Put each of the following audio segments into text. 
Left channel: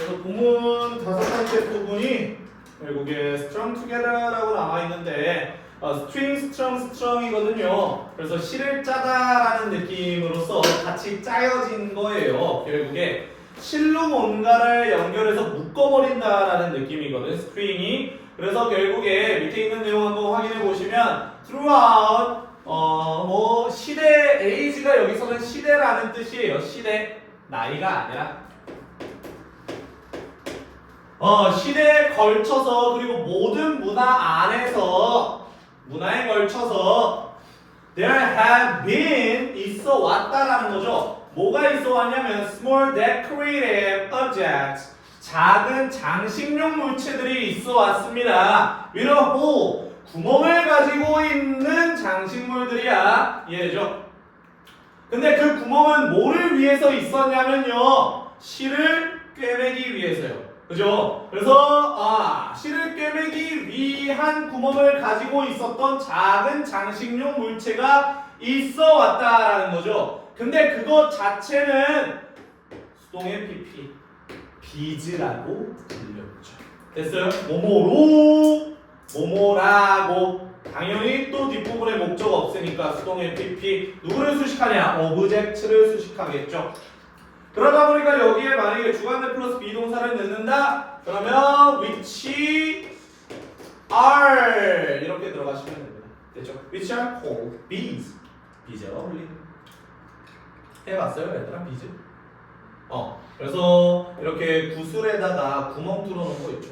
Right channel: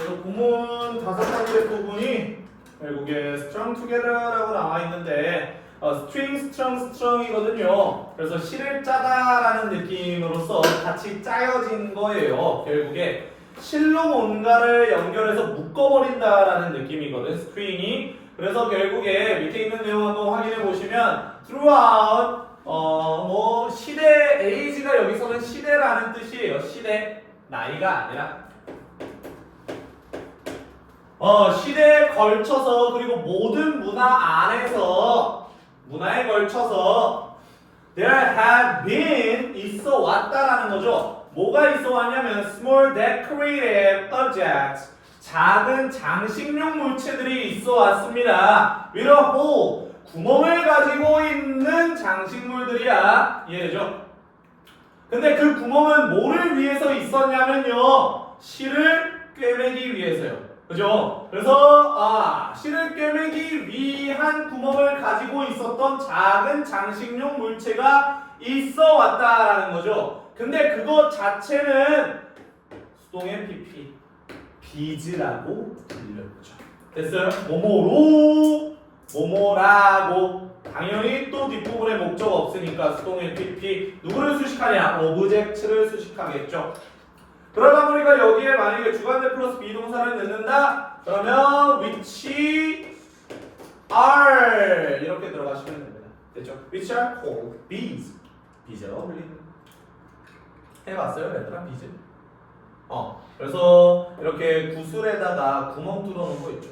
그래서 부문 5번째 부분이 결국에 strung together라고 나와 있는데 strong이거든요. 그래서 실을 짜다라는 느낌으로서 같이 짜여진 거예요. 결국에 실로 뭔가를 연결해서 묶어버린다라는 느낌이거든, string이. 그래서 결국에 밑에 있는 내용 한번 확인해 보시면 throughout 뭐 시대 age가 여기서는 시대라는 뜻이에요. 시대, 나이가 아니라 시대에 걸쳐서 그리고 모든 문화 안에서 문화에 걸쳐서 there have been 있어 왔다라는 거죠. 뭐가 있어 왔냐면 small decorative objects 작은 장식용 물체들이 있어 왔습니다. with a hole 구멍을 가지고 있는 장식물들이야. 이해되죠? 근데 그 구멍은 뭐를 위해서 있었냐면요. 실을 꿰매기 위해서요. 그죠? 그래서 실을 꿰매기 위한 구멍을 가지고 있었던 작은 장식용 물체가 있어 왔다라는 거죠. 근데 그것 자체는 수동의 PP 비즈라고 불렸죠. 됐어요? 뭐뭐로 뭐뭐라고 당연히 또 뒷부분에 목적 없으니까 수동의 PP 누구를 수식하냐? 오브젝트를 수식하겠죠. 그러다 보니까 여기에 만약에 주관대 플러스 비동사를 넣는다? 그러면 which are 이렇게 들어가시면 됩니다. 됐죠? which are called bees. 비즈가 어울리는 해봤어요 얘들아 비즈? 그래서 이렇게 구슬에다가 구멍 뚫어놓은 거 있죠.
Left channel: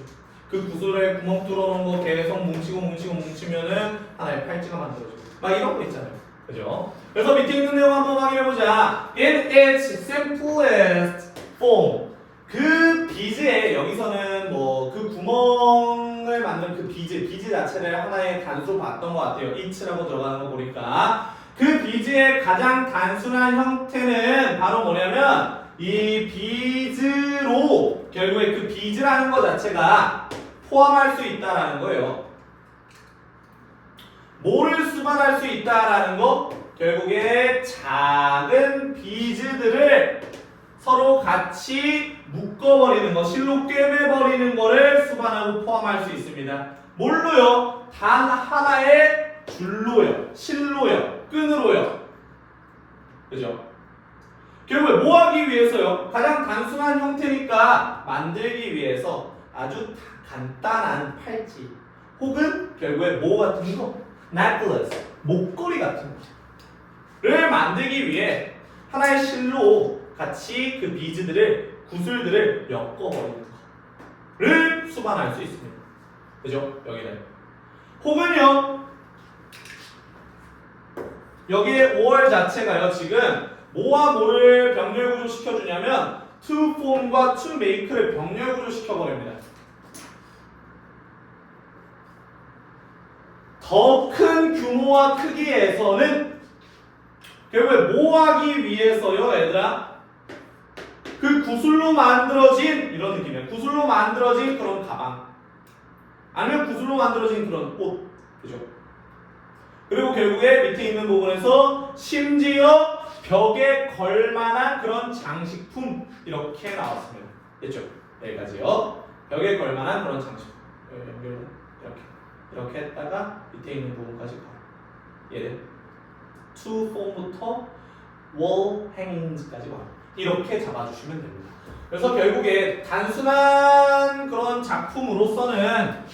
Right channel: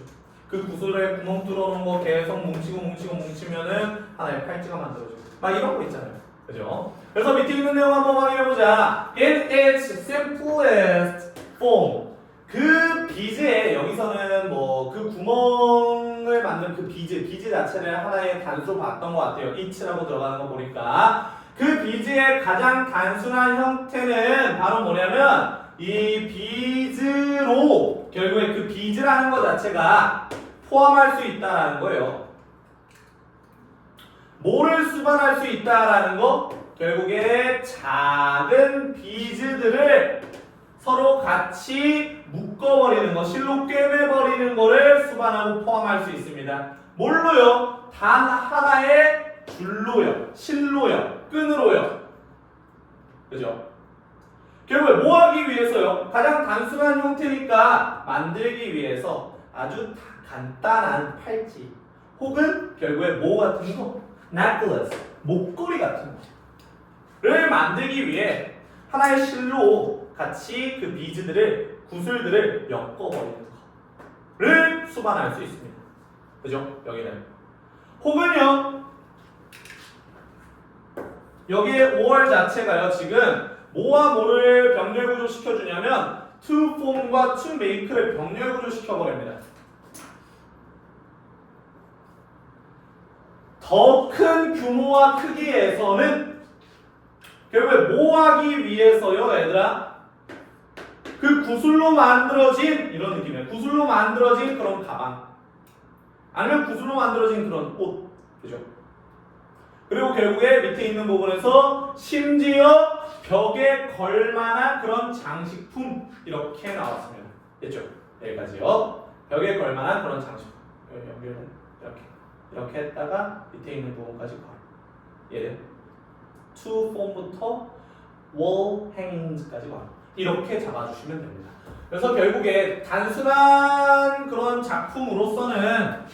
그 구슬에 구멍 뚫어놓은 거 계속 뭉치면은 하나의 팔찌가 만들어지고 막 이런 거 있잖아요. 그죠? 그래서 밑에 있는 내용 한번 확인해보자. In its simplest form. 그 비즈에 여기서는 뭐 그 구멍을 만든 그 비즈 자체를 하나의 단수로 봤던 것 같아요. it라고 들어가는 거 보니까 그 비즈의 가장 단순한 형태는 바로 뭐냐면 이 비즈로 결국에 그 비즈라는 것 자체가 포함할 수 있다라는 거예요. 뭐를 수반할 수 있다라는 거? 결국에 작은 비즈들을 서로 같이 묶어버리는 거, 실로 꿰매버리는 거를 수반하고 포함할 수 있습니다. 뭘로요? 단 하나의 줄로요, 실로요, 끈으로요. 그죠? 결국에 뭐 하기 위해서요? 가장 단순한 형태니까 만들기 위해서 아주 간단한 팔찌 혹은 결국에 뭐 같은 거? necklace, 목걸이 같은 거를 만들기 위해 하나의 실로 같이 그 비즈들을, 구슬들을 엮어버리는 거를 수반할 수 있습니다. 그죠? 여기는. 혹은요, 여기에 5월 자체가요, 지금 뭐와 뭐를 병렬 구조 시켜주냐면 to form과 to make를 병렬 구조 시켜버립니다. 더 큰 규모와 크기에서는 결국에 뭐 하기 위해서요, 얘들아? 그 구슬로 만들어진 이런 느낌이에요. 구슬로 만들어진 그런 가방, 아니면 구슬로 만들어진 그런 옷, 그죠? 그리고 결국에 밑에 있는 부분에서 심지어 벽에 걸만한 그런 장식품 이렇게 나왔습니다. 됐죠? 여기까지요. 벽에 걸만한 그런 장식품. 이렇게 했다가 밑에 있는 부분까지 가. 얘는 to form부터 wall hangings까지 가. 이렇게 잡아주시면 됩니다. 그래서 결국에 단순한 그런 작품으로서는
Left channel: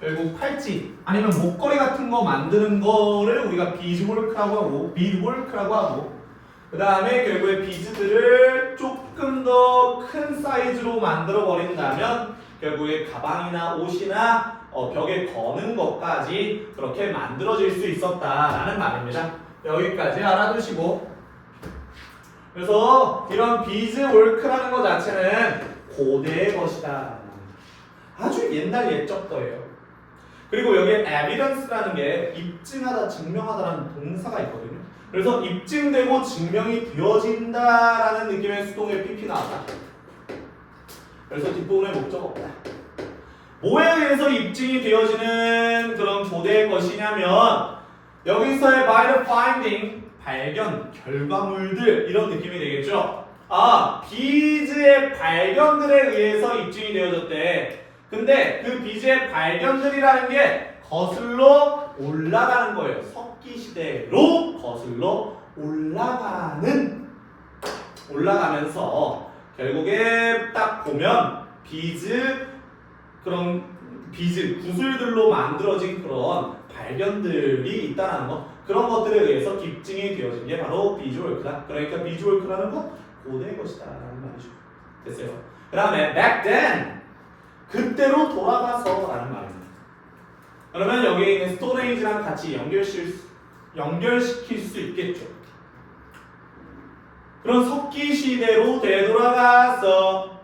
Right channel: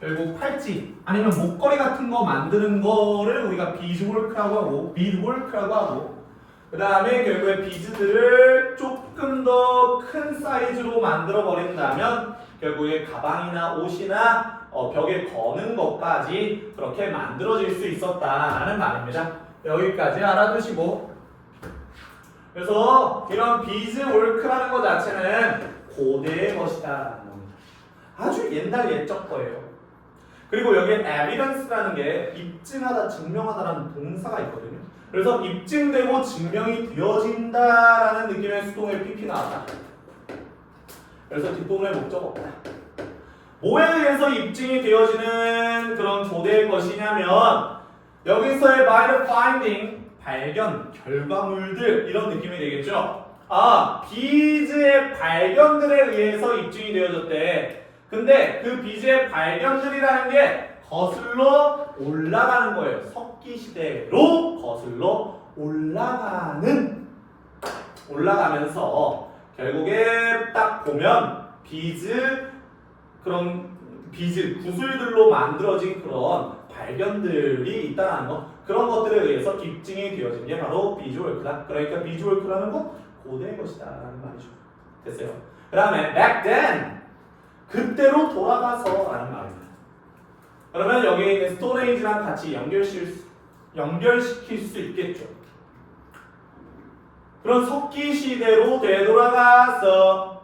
결국 팔찌 아니면 목걸이 같은 거 만드는 거를 우리가 비즈월크라고 하고 비드월크라고 하고, 그 다음에 결국에 비즈들을 조금 더 큰 사이즈로 만들어 버린다면 결국에 가방이나 옷이나 벽에 거는 것까지 그렇게 만들어질 수 있었다라는 말입니다. 여기까지 알아두시고, 그래서 이런 비즈월크라는 것 자체는 고대의 것이다. 아주 옛날 옛적 거예요. 그리고 여기에 evidence라는 게 입증하다, 증명하다라는 동사가 있거든요. 그래서 입증되고 증명이 되어진다라는 느낌의 수동의 PP 나왔다. 그래서 뒷부분에 목적 없다. 뭐에 의해서 입증이 되어지는 그런 고대의 것이냐면 여기서의 by the finding, 발견, 결과물들 이런 느낌이 되겠죠. 비즈의 발견들에 의해서 입증이 되어졌대. 근데 그 비즈의 발견들이라는 게 거슬러 올라가는 거예요. 석기 시대로 거슬러 올라가면서 결국에 딱 보면 그런 비즈 구슬들로 만들어진 그런 발견들이 있다는 거, 그런 것들에 의해서 입증이 되어진 게 바로 비즈월크다. 그러니까 비즈월크라는 건 고대의 것이다 라는 말이죠. 됐어요. 그 다음에 back then, 그때로 돌아가서 라는 말입니다. 그러면 여기에 있는 스토레이지랑 같이 연결시킬 수 있겠죠. 그런 석기 시대로 되돌아가서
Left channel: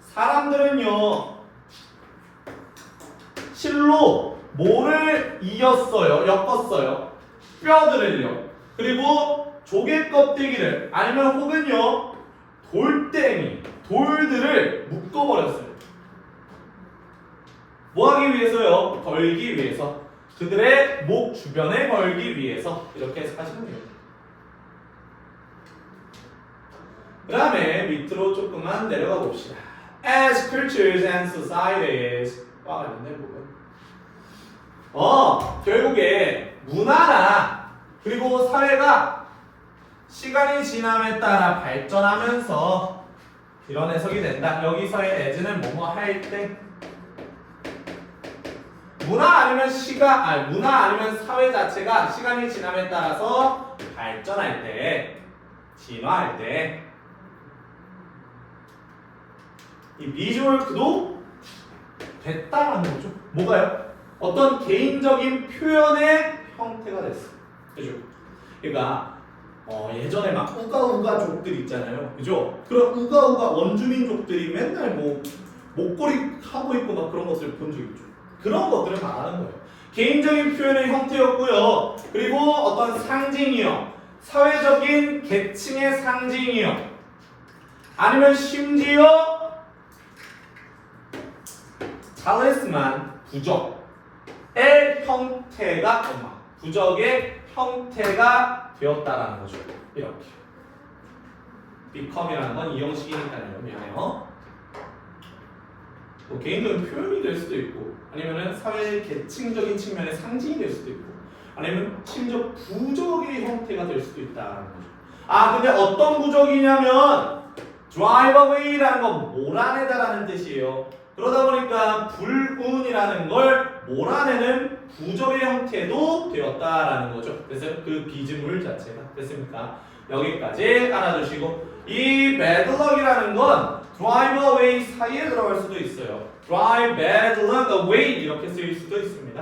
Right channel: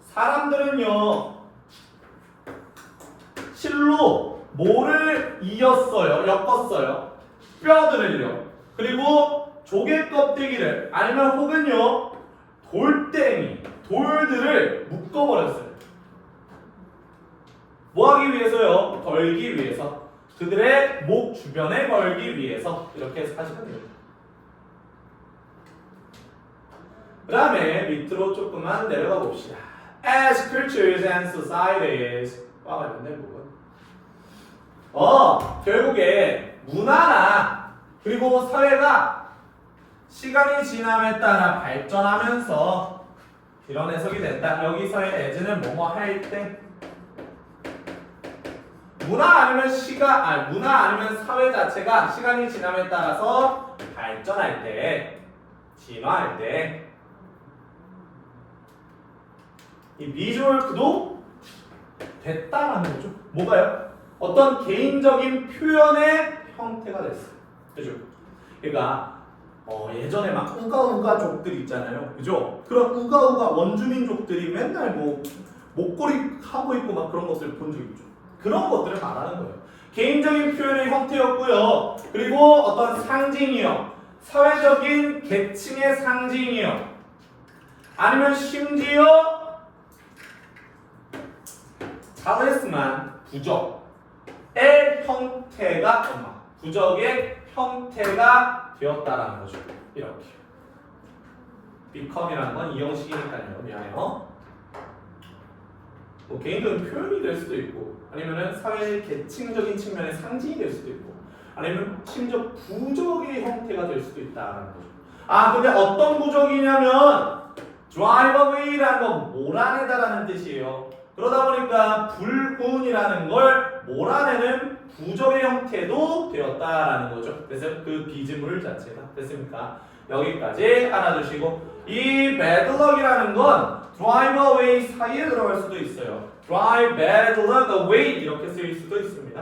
사람들은요 실로 뭐를 엮었어요. 뼈들을요. 그리고 조개 껍데기를 아니면 혹은요 돌들을 묶어버렸어요. 뭐 하기 위해서요? 걸기 위해서. 그들의 목 주변에 걸기 위해서 이렇게 하시면 돼요. 그 다음에 밑으로 조금만 내려가 봅시다. As cultures and societies 와 관련된 부분. 결국에 문화나 그리고 사회가 시간이 지남에 따라 발전하면서 이런 해석이 된다. 여기서의 as는 뭐뭐 할 때 문화 아니면 사회 자체가 시간이 지남에 따라서 발전할 때, 진화할 때 이 비주얼크도 됐다라는 거죠. 뭐가요? 어떤 개인적인 표현의 형태가 됐어요. 그죠? 그러니까 예전에 막 우가우가족들 있잖아요. 그죠? 그런 우가우가 원주민족들이 맨날 뭐 목걸이 하고 있고 막 그런 것들 본 적 있죠. 그런 것들을 말하는 거예요. 개인적인 표현의 형태였고요. 그리고 어떤 상징이요. 사회적인 계층의 상징이요. 아니면 심지어 잘했지만 부적의 형태가 부적의 형태가 되었다라는 거죠. 이렇게 become이라는 건 이 형식이니까요. 미안해요. 뭐 개인적인 표현이 될 수도 있고 아니면은 사회 계층적인 측면의 상징이 될 수도 있고 아니면 심지어 부적의 형태가 될 수도 있다라는 거죠. 근데 어떤 부적이냐면 drive away라는 건 몰아내다라는 뜻이에요. 그러다 보니까 불운이라는 걸 몰아내는 부적의 형태도 되었다라는 거죠. 그래서 그 비즈물 자체가 됐습니까? 여기까지 알아두시고 이 bad luck이라는 건 drive away 사이에 들어갈 수도 있어요. drive bad luck away 이렇게 쓰일 수도 있습니다.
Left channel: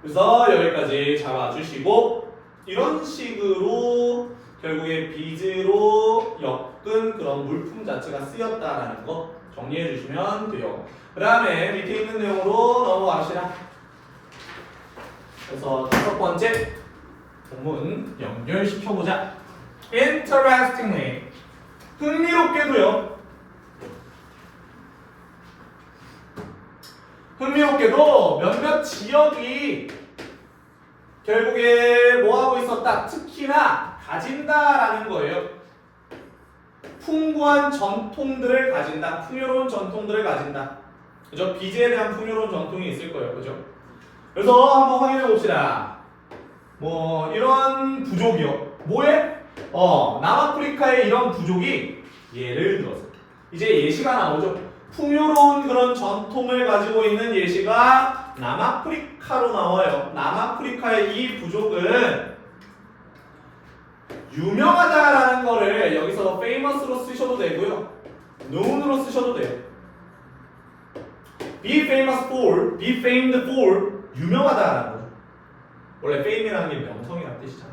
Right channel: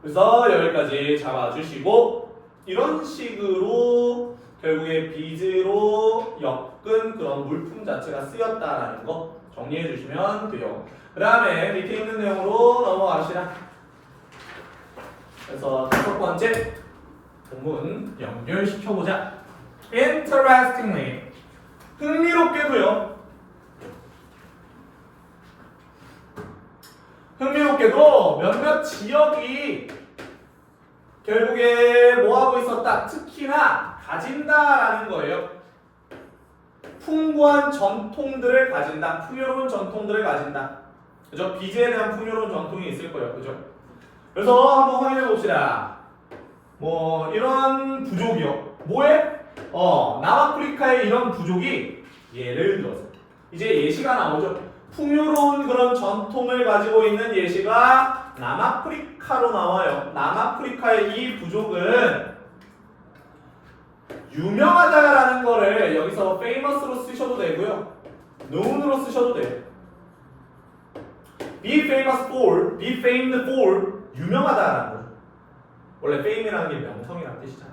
그래서 여기까지 잡아주시고 이런 식으로 결국에 비즈로 엮은 그런 물품 자체가 쓰였다라는 거 정리해 주시면 돼요. 그 다음에 밑에 있는 내용으로 넘어갑시다. 그래서 다섯 번째 본문 연결시켜보자. Interestingly, 흥미롭게도요. 흥미롭게도 몇몇 지역이 결국에 뭐하고 있었다? 특히나 가진다라는 거예요. 풍부한 전통들을 가진다. 풍요로운 전통들을 가진다. 그죠? 비즈에 대한 풍요로운 전통이 있을 거예요. 그죠? 그래서 한번 확인해 봅시다. 뭐 이런 부족이요. 뭐에? 남아프리카의 이런 부족이 예를 들어서 이제 예시가 나오죠. 풍요로운 그런 전통을 가지고 있는 예시가 남아프리카로 나와요. 남아프리카의 이 부족은 유명하다라는 거를 여기서 famous로 쓰셔도 되고요. known으로 쓰셔도 돼요. be famous for, be famed for 유명하다라는 거죠. 원래 fame이라는 게 명성이라는 뜻이잖아.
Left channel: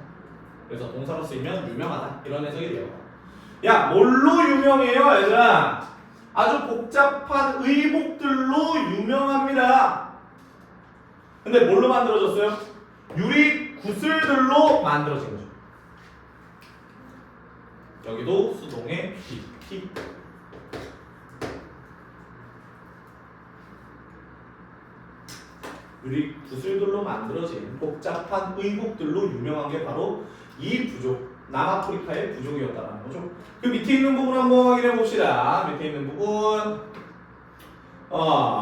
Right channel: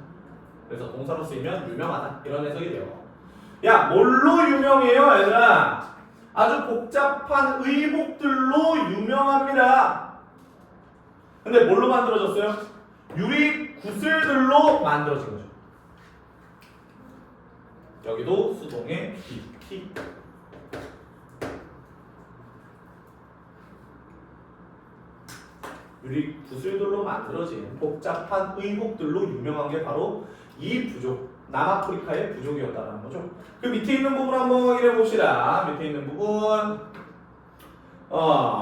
그래서 동사로 쓰이면 유명하다 이런 해석이 돼요. 야, 뭘로 유명해요, 얘들아? 아주 복잡한 의복들로 유명합니다. 근데 뭘로 만들어졌어요? 유리 구슬들로 만들어진 거죠. 여기도 수동의 BP. 유리 구슬들로 만들어진 복잡한 의복들로 유명한 게 바로 이 부족, 남아프리카의 부족이었다는 거죠. 그 밑에 있는 부분 한번 확인해 봅시다. 밑에 있는 부분.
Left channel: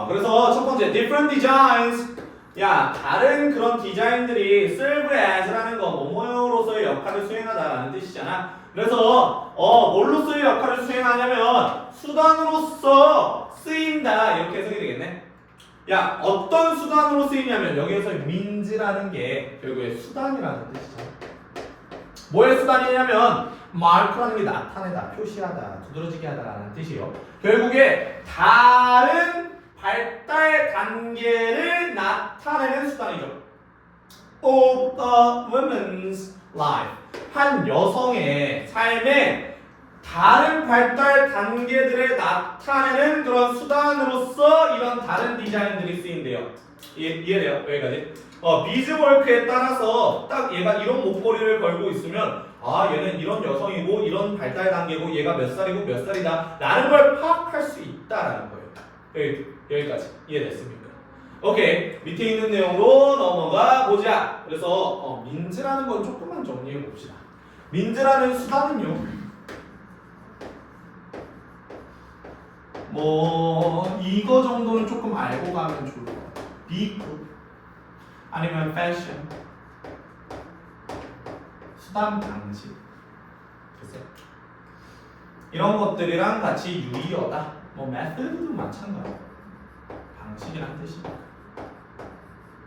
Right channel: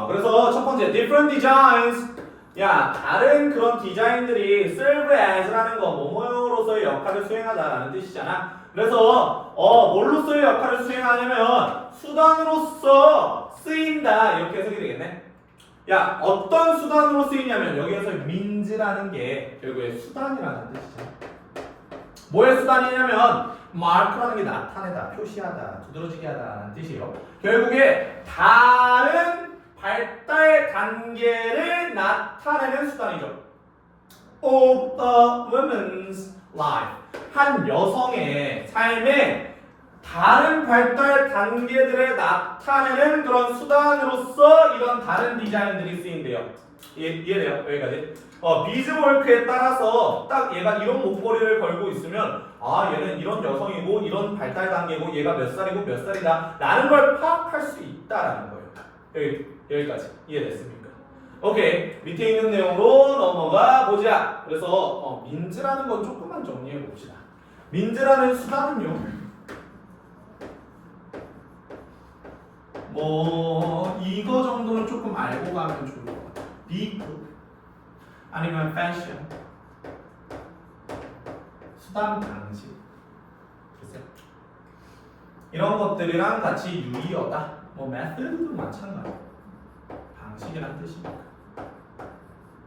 그래서 첫 번째 different designs. 야, 다른 그런 디자인들이 serve as라는 거 뭐뭐로서의 역할을 수행하다라는 뜻이잖아. 그래서 뭘로서의 역할을 수행하냐면 수단으로서 쓰인다 이렇게 해석이 되겠네. 야, 어떤 수단으로 쓰이냐면 여기에서 means라는 게 결국에 수단이라는 뜻이죠. 뭐의 수단이냐면 mark라는 게 나타내다, 표시하다, 두드러지게 하다라는 뜻이에요. 결국에 다른 발달 단계를 나타내는 수단이죠. Of a woman's life. 한 여성의 삶에 다른 발달 단계들을 나타내는 그런 수단으로서 이런 다른 디자인들이 쓰인대요. 이해돼요? 여기까지. 비즈워크에 따라서 딱 얘가 이런 목걸이를 걸고 있으면 얘는 이런 여성이고 이런 발달 단계고 얘가 몇 살이고 몇 살이다 라는 걸 파악할 수 있다라는 거예요. 여기까지 이해됐습니까? 오케이, 밑에 있는 내용으로 넘어가 보자. 그래서 민즈라는 건 조금만 정리해 봅시다. 민즈라는 수단은요, 이거 정도는 조금 알고 가면 좋을 것 같아요. 비크 아니면 패션, 수단 방식, 글쎄 이런 것들이랑 같이 유의어다. 메소드도 마찬가지. 방식이란 뜻입니다.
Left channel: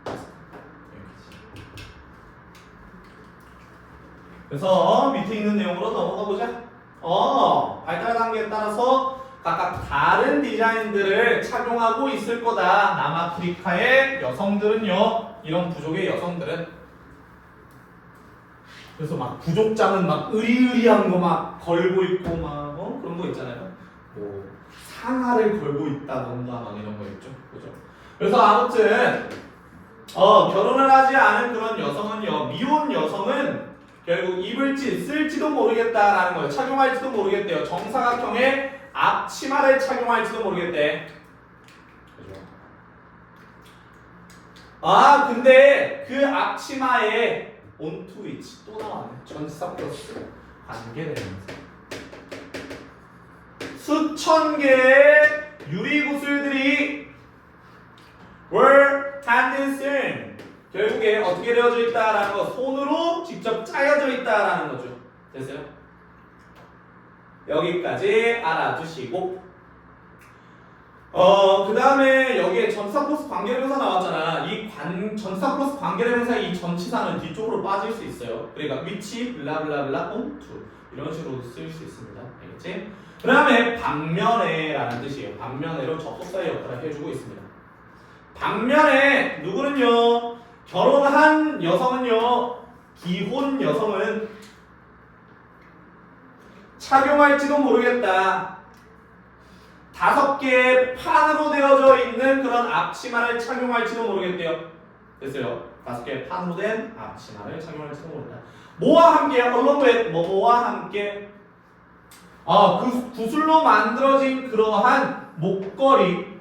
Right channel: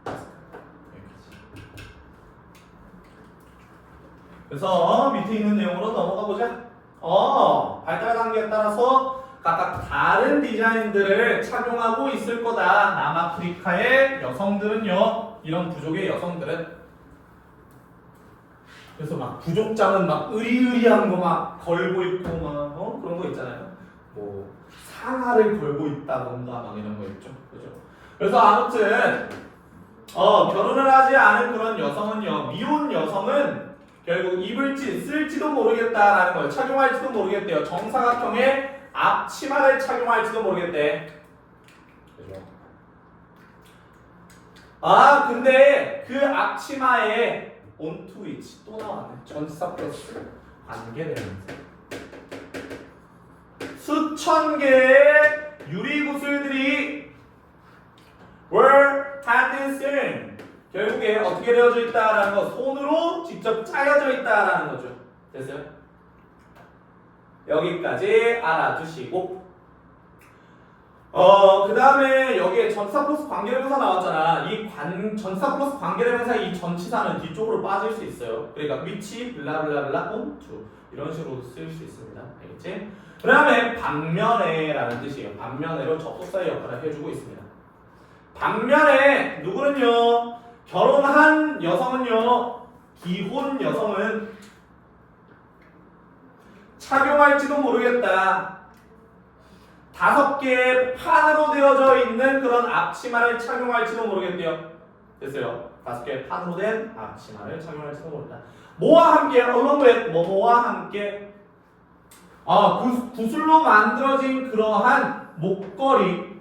여기까지. 그래서 밑에 있는 내용으로 넘어가 보자. 발달 단계에 따라서 각각 다른 디자인들을 착용하고 있을 거다. 남아프리카의 여성들은요, 이런 부족의 여성들은. 그래서 막 부족장은 막 으리으리한 거 막 걸고 있고 막 그런 거 있잖아요. 상하를 걸고 있다던가 막 이런 거 있죠. 그죠? 그래서 아무튼 결혼을 하지 않은 그런 여성은요, 미혼 여성은 결국 입을지 쓸지도 모르겠다라는 거예요. 착용할지도 모르겠대요. 정사각형의 앞치마를 착용할지도 모르겠대. 그죠? 근데 그 앞치마에 onto which 또 나왔네. 전치사 플러스 관계대명사. 수천 개의 유리구슬들이 were hand sewn. 결국에 어떻게 되어져 있다라는 거, 손으로 직접 짜여져 있다라는 거죠. 됐어요? 여기까지 알아두시고, 그 다음에 여기에 전치사 플러스 관계대명사 나왔잖아. 이 전치사 플러스 관계대명사 이 전치사는 뒤쪽으로 빠질 수 있어요. 그러니까 which 블라블라블라 onto 이런 식으로 쓸 수 있습니다. 알겠지? 그 다음에 반면에라는 뜻이에요. 반면에로 접속사의 역할을 해주고 있습니다. 반면에 누구는요, 결혼한 여성은요, 기혼 여성은 착용할지도 모르겠다. 5개의 판으로 되어져 있는 그런 앞치마를 착용할지도 모르겠대요. 됐어요. 5개의 판으로 된 앞치마를 착용할지도 모르겠다. 뭐와 함께, along with 뭐와 함께, 그 구슬로 만들어진 그러한 목걸이,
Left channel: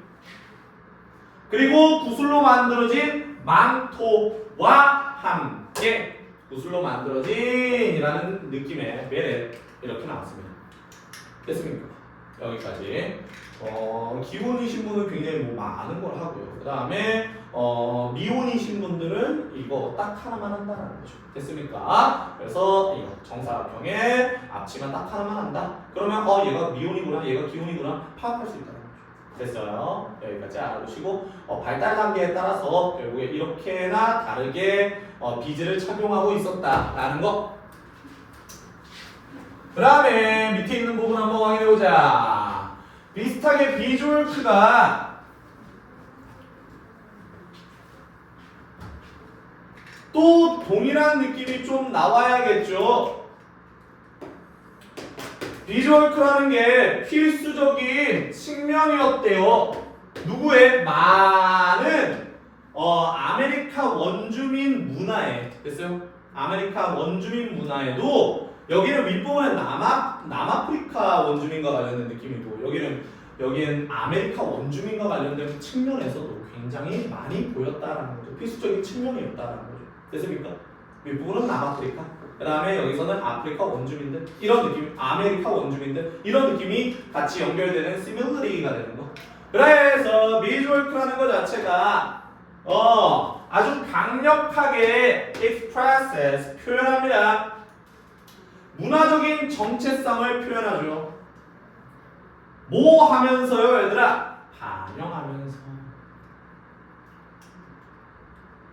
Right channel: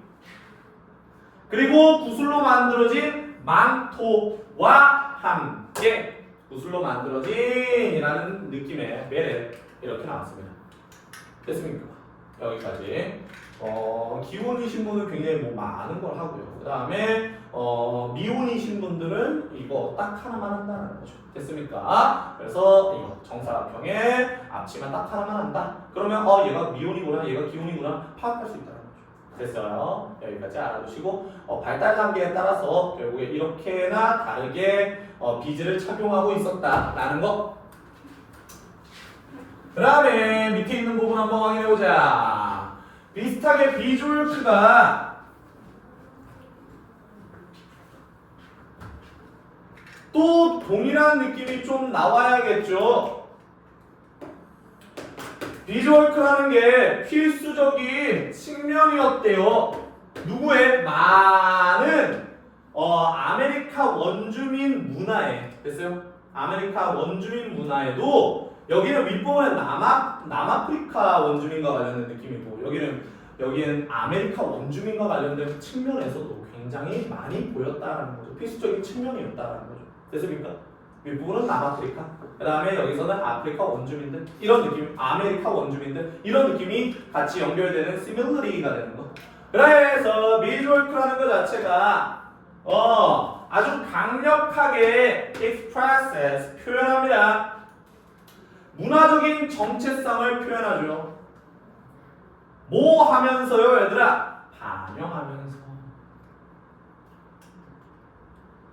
그리고 구슬로 만들어진 망토와 함께, 구슬로 만들어진이라는 느낌의 베레 이렇게 나왔습니다. 됐습니까? 여기까지. 기혼이신 분은 굉장히 많은 걸 하고요. 그 다음에 미혼이신 분들은 이거 딱 하나만 한다는 거죠. 됐습니까? 그래서 이거 정사각형의 앞치마 딱 하나만 한다. 그러면 얘가 미혼이구나, 얘가 기혼이구나 파악할 수 있다는 거죠. 됐어요. 여기까지 알아두시고, 발달 단계에 따라서 결국에 이렇게나 다르게 비즈를 착용하고 있었다라는 거. 그 다음에 밑에 있는 부분 한번 확인해보자. 비슷하게 비졸크가 또 동일한 느낌이 좀 나와야겠죠. 비졸크라는 게 필수적인 측면이었대요. 누구의? 많은 아메리카 원주민 문화에. 됐어요? 아메리카 원주민 문화에도 여기는 윗부분에 남아프리카 원주민과 관련된 느낌이고, 여기는 아메리카 원주민과 관련된 측면에서도 굉장히 많이 보였다라는 거죠. 필수적인 측면이었다라는 거죠. 됐습니까? 윗부분은 남아프리카. 그 다음에 여기서는 아프리카 원주민들. 이런 느낌, 아메리카 원주민들. 이런 느낌이 같이 연결되는 시밀리티가 되는 거. 그래서 미드월크라는 것 자체가 아주 강력하게 expresses 표현합니다. 문화적인 정체성을 표현하죠. 뭐 하면서요, 얘들아? 반영하면서.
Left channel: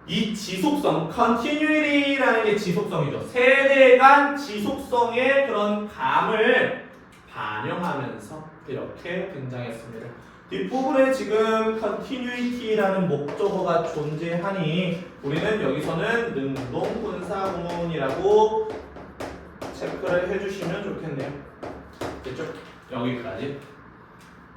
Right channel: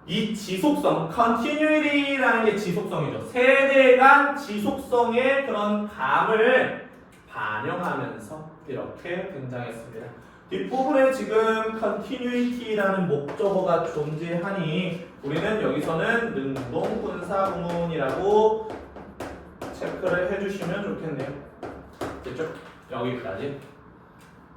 이 지속성, continuity라는 게 지속성이죠. 세대 간 지속성의 그런 감을 반영하면서 이렇게 등장했습니다. 뒷부분에 지금 continuity라는 목적어가 존재하니 우리는 여기서는 능동분사구문이라고 체크를 해주시면 좋겠네요. 됐죠? 여기까지.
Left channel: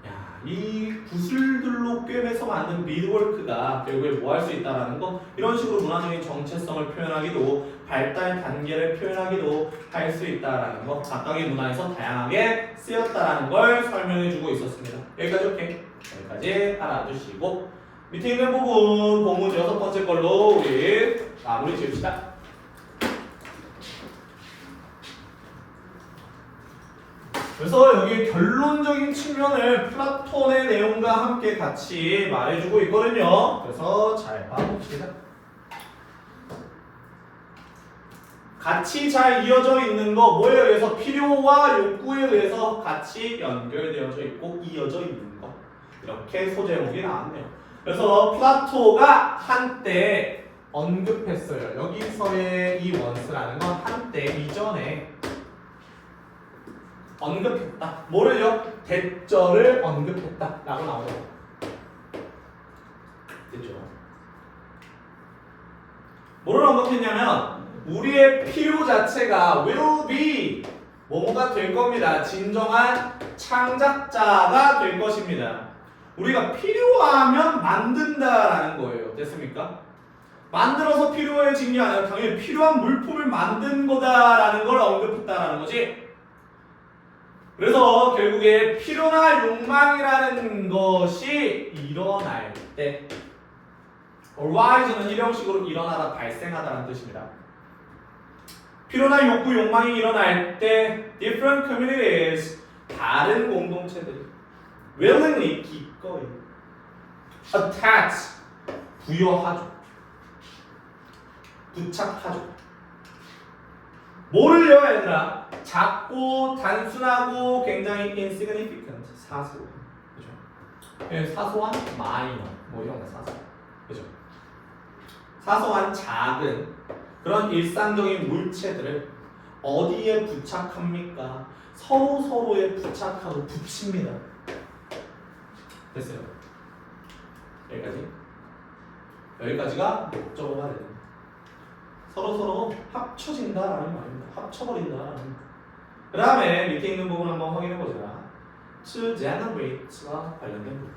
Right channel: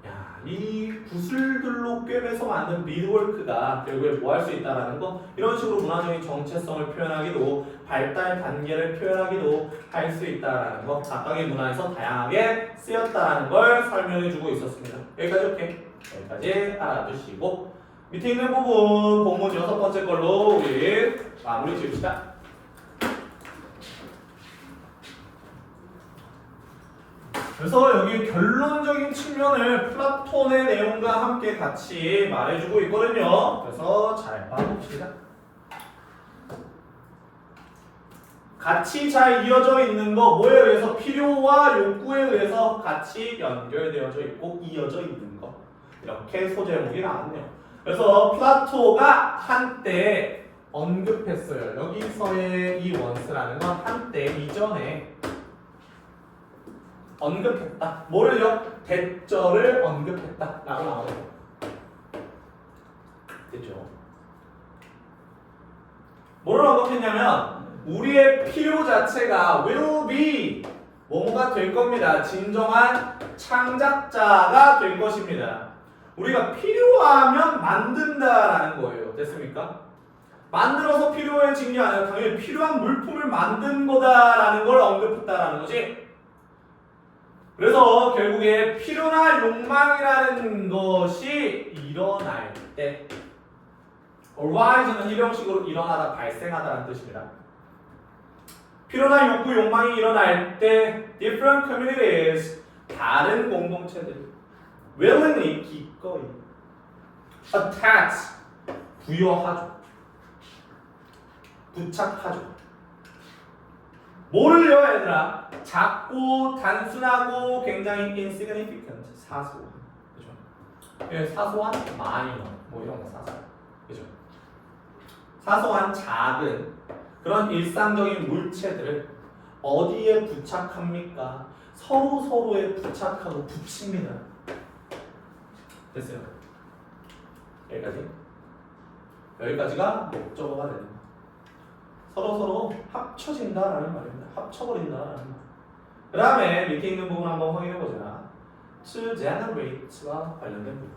야, 이 구슬들로 꿰매서 만든 미드워크가 결국에 뭐 할 수 있다라는 거, 이런 식으로 문화적인 정체성을 표현하기도, 발달 단계를 표현하기도 할 수 있다라는 거, 각각의 문화에서 다양하게 쓰였다라는 걸 설명해주고 있었습니다. 여기까지 오케이. 여기까지 알아두시고 밑에 있는 부분 본문 6번째 걸로 우리 마무리 지읍시다. 그래서 여기 결론적인 측면을 플라톤의 내용과 함께 같이 말해주고 있거든요. 그래서 잘 봐봅시다. 같이 잘 이어져 있는 거 뭐에 의해서? 필요와 욕구에 의해서 같이 연결되어져 있고 이어져 있는 거. 이렇게 소제목이 나왔네요. 그래서 플라토가 한때 언급했어요. 여기서의 이 원스라는 건 한때 이전에 언급했다. 뭐를요? 대절을 언급했다 라고 나와요. 됐죠? 뭐를 언급했냐면 우리의 필요 자체가 will be 뭐뭐가 될 겁니다. 진정한 창작자가 될 것입니다. 우리가 필요하면 만든다라는 거예요. 됐습니까? 만들어서 필요해진 게 아니라 당연히 필요한 물품을 만든 거다라는 걸 언급했다라는 거지. 그래서 결국에 필요나 욕망이라는 것이 일어날 때, arise는 일형식으로 일어나다, 발생하다라는 뜻입니다. 필요나 욕구, 욕망이 일어날 때 different communities, 다른 공동체들이 willingly, 기꺼이 attach, 부여하죠. 부착하죠. 뭐를요, 얘들아? 작고 단순하고 굉장히 insignificant, 사소한, 그죠? 사소한 minor, 뭐 이런 거 사소한, 그죠? 사소한 작은 그런 일상적인 물체들을 어디에 부착합니까? 서로에 부착하고 붙입니다. 됐어요? 여기까지가 목적어가 되는 거예요. 서로 합쳐진다라는 말입니다. 합쳐버린다라는 말. 그 다음에 밑에 있는 부분 한번 확인해보자. to generate와 관련된 부분.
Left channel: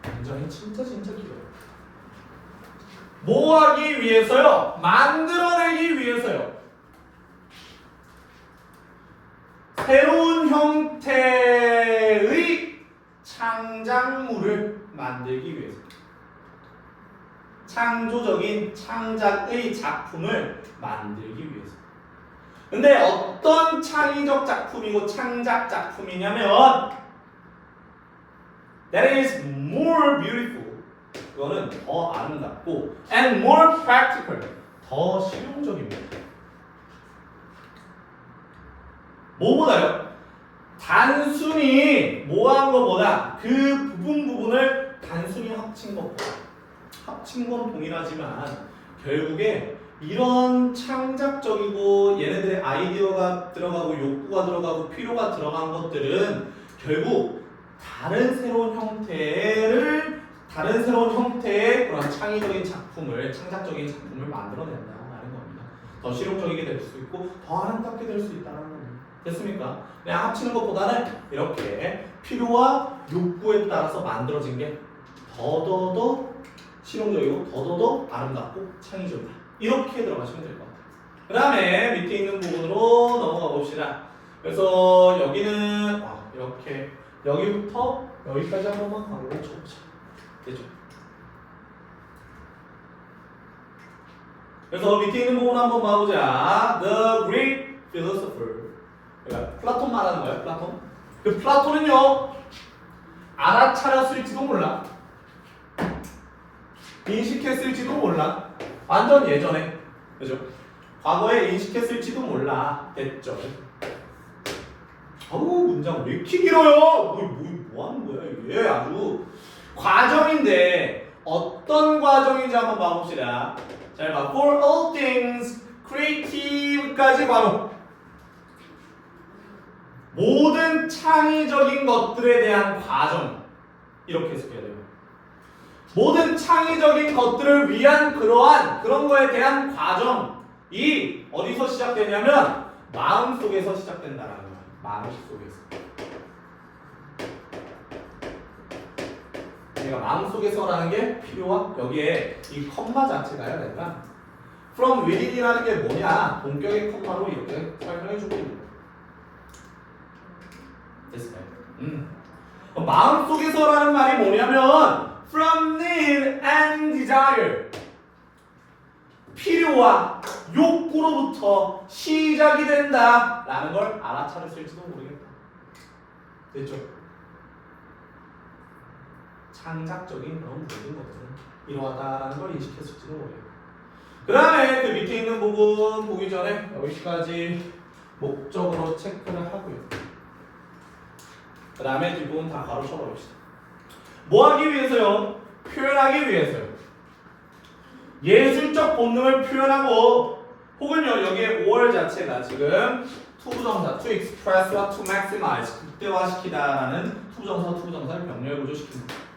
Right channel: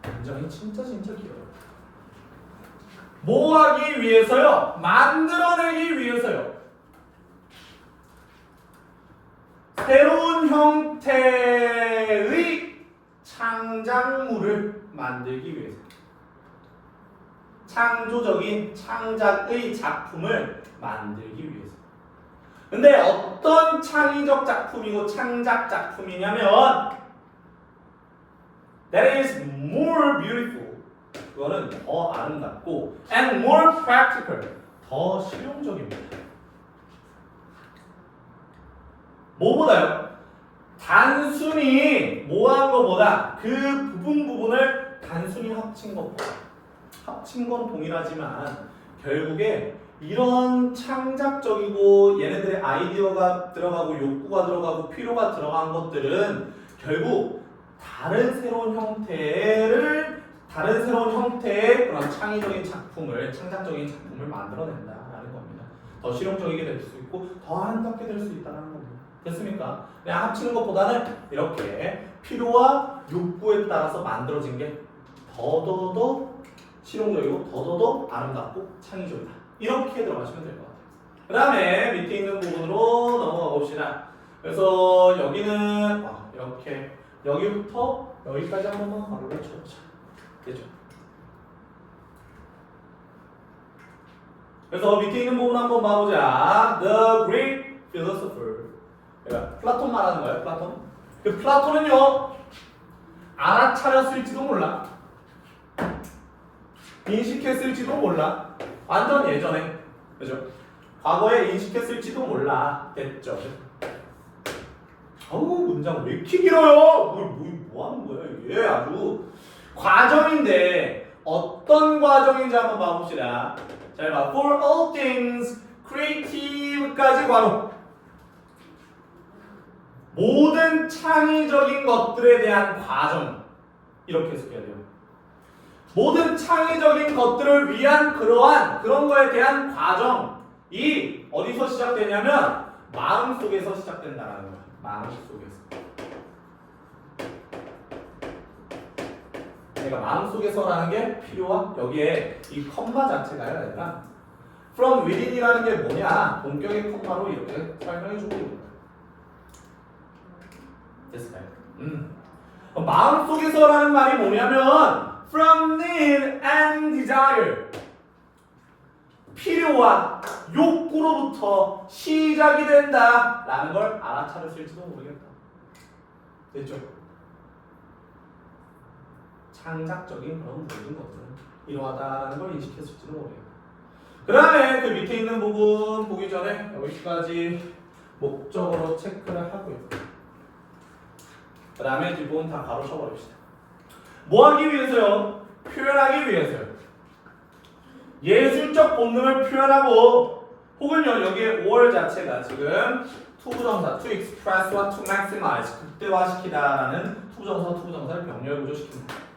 굉장히 진짜 길어요. 뭐 하기 위해서요? 만들어내기 위해서요. 새로운 형태의 창작물을 만들기 위해서. 창조적인 창작의 작품을 만들기 위해서. 근데 어떤 창의적 작품이고 창작 작품이냐면 that is more beautiful. 그거는 더 아름답고 and more practical. 더 실용적입니다. 뭐보다요? 단순히 뭐한 것보다 그 부분을 단순히 합친 것보다 합친 건 동일하지만 결국에 이런 창작적이고 얘네들의 아이디어가 들어가고 욕구가 들어가고 필요가 들어간 것들은 결국 다른 새로운 형태의 그런 창의적인 작품을, 창작적인 작품을 만들어낸다라는 겁니다. 더 실용적이게 될 수 있고 더 아름답게 될 수 있다는 겁니다. 됐습니까? 그냥 합치는 것보다는 이렇게 필요와 욕구에 따라서 만들어진 게 더더더 실용적이고 더더더 아름답고 창의적이다. 이렇게 들어가시면 될 것 같아요. 그 다음에 밑에 있는 부분으로 넘어가 봅시다. 그래서 여기는 이렇게 여기부터 여기까지 한 번만 가로를 쳐보자. 되죠? 그래서 밑에 있는 부분 한번 봐보자. The Greek philosopher. 그러니까 플라톤 말하는 거예요. 플라톤. 그 플라톤은요 알아차렸을지도 몰라. 인식했을지도 몰라. 완전 예전에. 그죠? 과거에 인식했을지도 몰라. 됐죠. 어우 문장 왜 이렇게 길어요? 뭐 하는 거야? 얘 아주 과정인데 어떤 과정인지 한번 봐봅시다. 잘 봐. For all things creative까지 바로 모든 창의적인 것들에 대한 과정 이렇게 해석해야 돼요. 모든 창의적인 것들을 위한 그런 거에 대한 과정이 어디서 시작되냐면 마음속에서 시작된다라는 거야. 마음속에서. 그러니까 마음속에서라는 게 필요한 여기에 이 컴마 자체가요. 그러니까 from within이라는 게 뭐냐? 동격의 컴마로 이렇게 설명해 주고 있는 거예요. 됐어요. 마음속에서라는 말이 뭐냐면 from need and desire 필요와 욕구로부터 시작이 된다라는 걸 알아차렸을지도 모르겠다. 됐죠? 창작적인 그런 모든 것들은 이러하다라는 걸 인식했을지도 모르겠다. 그 다음에 그 밑에 있는 부분 보기 전에 여기까지 목적으로 체크를 하고요. 그 다음에 뒷부분 다 가로 쳐버립시다. 뭐 하기 위해서요? 표현하기 위해서요. 예술적 본능을 표현하고 혹은요 여기에 5월 자체가 지금 투부정사 to express와 to maximize 극대화시키다라는 투부정사를 병렬 구조시킵니다.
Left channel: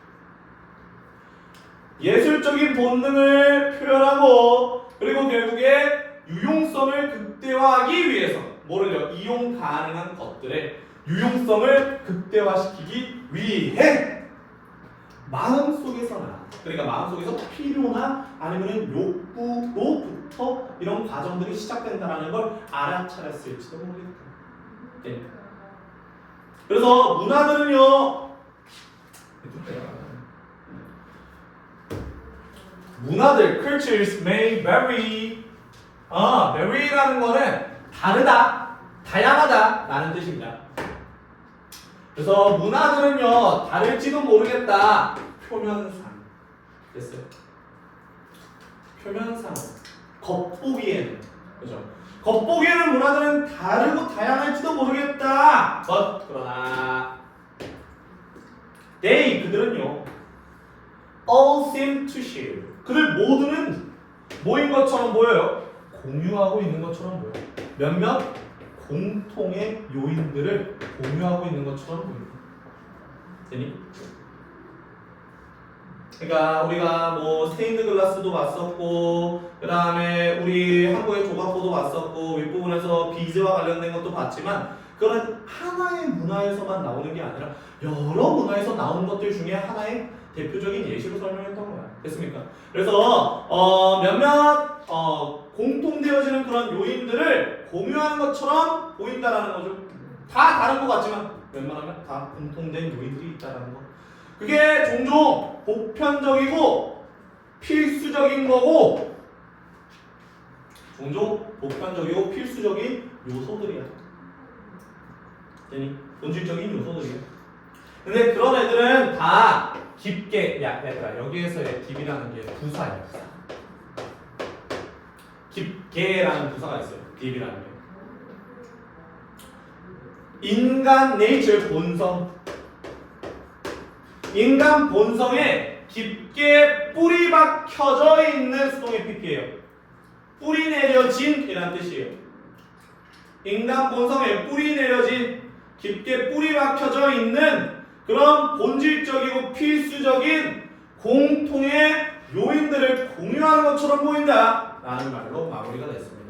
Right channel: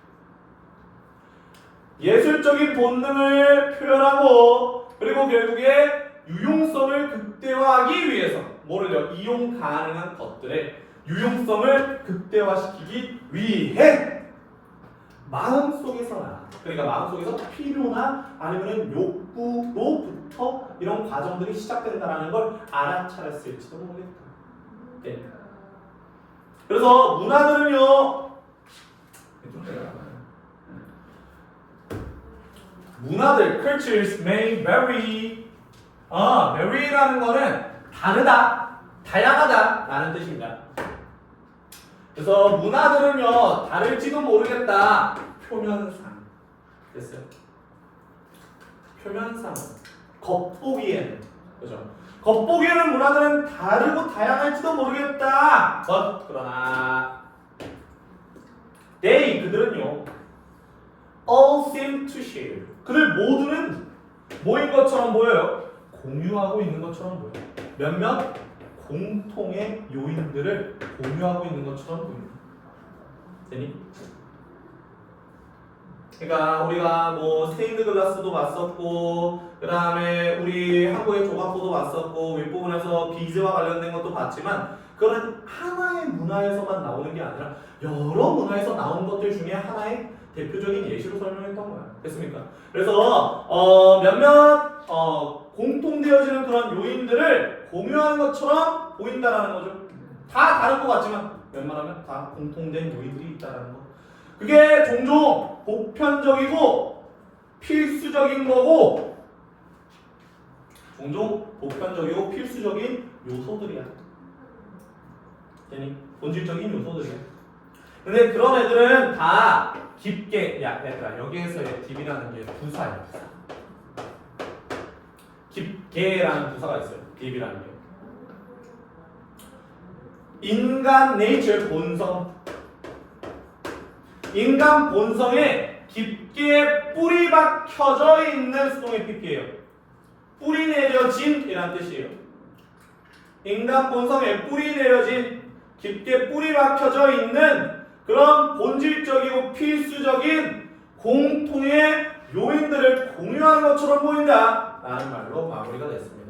예술적인 본능을 표현하고 그리고 결국에 유용성을 극대화하기 위해서 뭐를요? 이용 가능한 것들의 유용성을 극대화시키기 위해 마음속에서나 그러니까 마음속에서 필요나 아니면 욕구로부터 이런 과정들이 시작된다는 걸 알아차렸을지도 모르겠다. 네. 그래서 문화들은요 문화들 cultures may vary vary라는 거는 다르다 다양하다 라는 뜻입니다. 그래서 문화들은요 다를지도 모르겠다 표면상 됐어요. 표면상 겉보기에는 그죠? 겉보기에는 문화들은 다르고 다양할지도 모르겠다. 그러나 they 그들은요 all seem to share 그들 모두는 뭐인 것처럼 보여요? 공유하고 있는 것처럼 보여요. 몇몇 공통의 요인들을 공유하고 있는 것처럼 보입니다. 되니? 그러니까 우리가 뭐 스테인드 글라스도 봤었고 그 다음에 우리 한국의 조각보도 봤었고 윗부분에서 비즈와 관련된 것도 봤지만 그거는 하나의 문화에서만 나오는 게 아니라 여러 문화에서 나온 것들 중에 하나의 대표적인 예시로 설명했던 거야. 됐습니까? 그래서 몇몇 공통되어지는 그런 요인들을 공유하는 것처럼 보인다라는 거죠. 다 다른 것 같지만 웬만하면 다 공통된 요인들이 있다라는 거. 그게 종종 보편적이고 필수적인 거고 종종 보편적이고 필수적인 요소들이야. 되니? 본질적인 요소들이야. 근데 그런 애들은 다 깊게 얘들아 여기에서의 딥이라는 게 부사예요. 깊게라는 부사가 있어요. 딥이라는 게. 인간 네이처 본성 인간 본성에 깊게 뿌리 박혀져 있는 수동의 PP예요. 뿌리 내려진 이란 뜻이에요. 인간 본성에 뿌리 내려진 깊게 뿌리 박혀져 있는 그런 본질적이고 필수적인 공통의 요인들을 공유하는 것처럼 보인다 라는 말로 마무리가 됐습니다.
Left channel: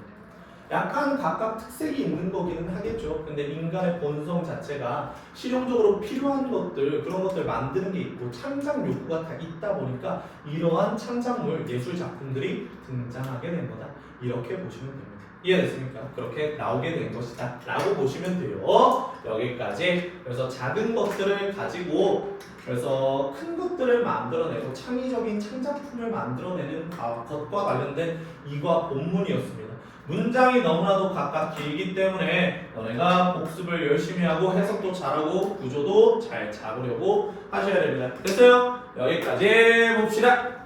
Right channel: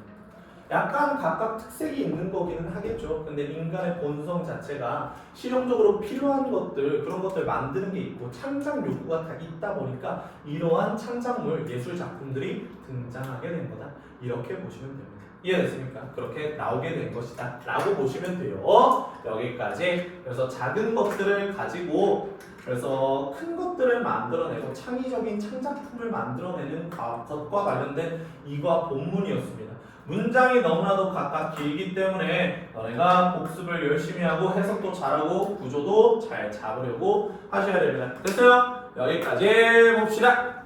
약간 각각 특색이 있는 거기는 하겠죠. 근데 인간의 본성 자체가 실용적으로 필요한 것들 그런 것들 만드는 게 있고 창작 욕구가 다 있다 보니까 이러한 창작물 예술 작품들이 등장하게 된 거다. 이렇게 보시면 됩니다. 이해됐습니까? 그렇게 나오게 된 것이다 라고 보시면 돼요. 여기까지. 그래서 작은 것들을 가지고 그래서 큰 것들을 만들어내고 창의적인 창작품을 만들어내는 것과 관련된 이과 본문이었습니다. 문장이 너무나도 각각 길기 때문에 너네가 복습을 열심히 하고 해석도 잘하고 구조도 잘 잡으려고 하셔야 됩니다. 됐어요? 여기까지 봅시다.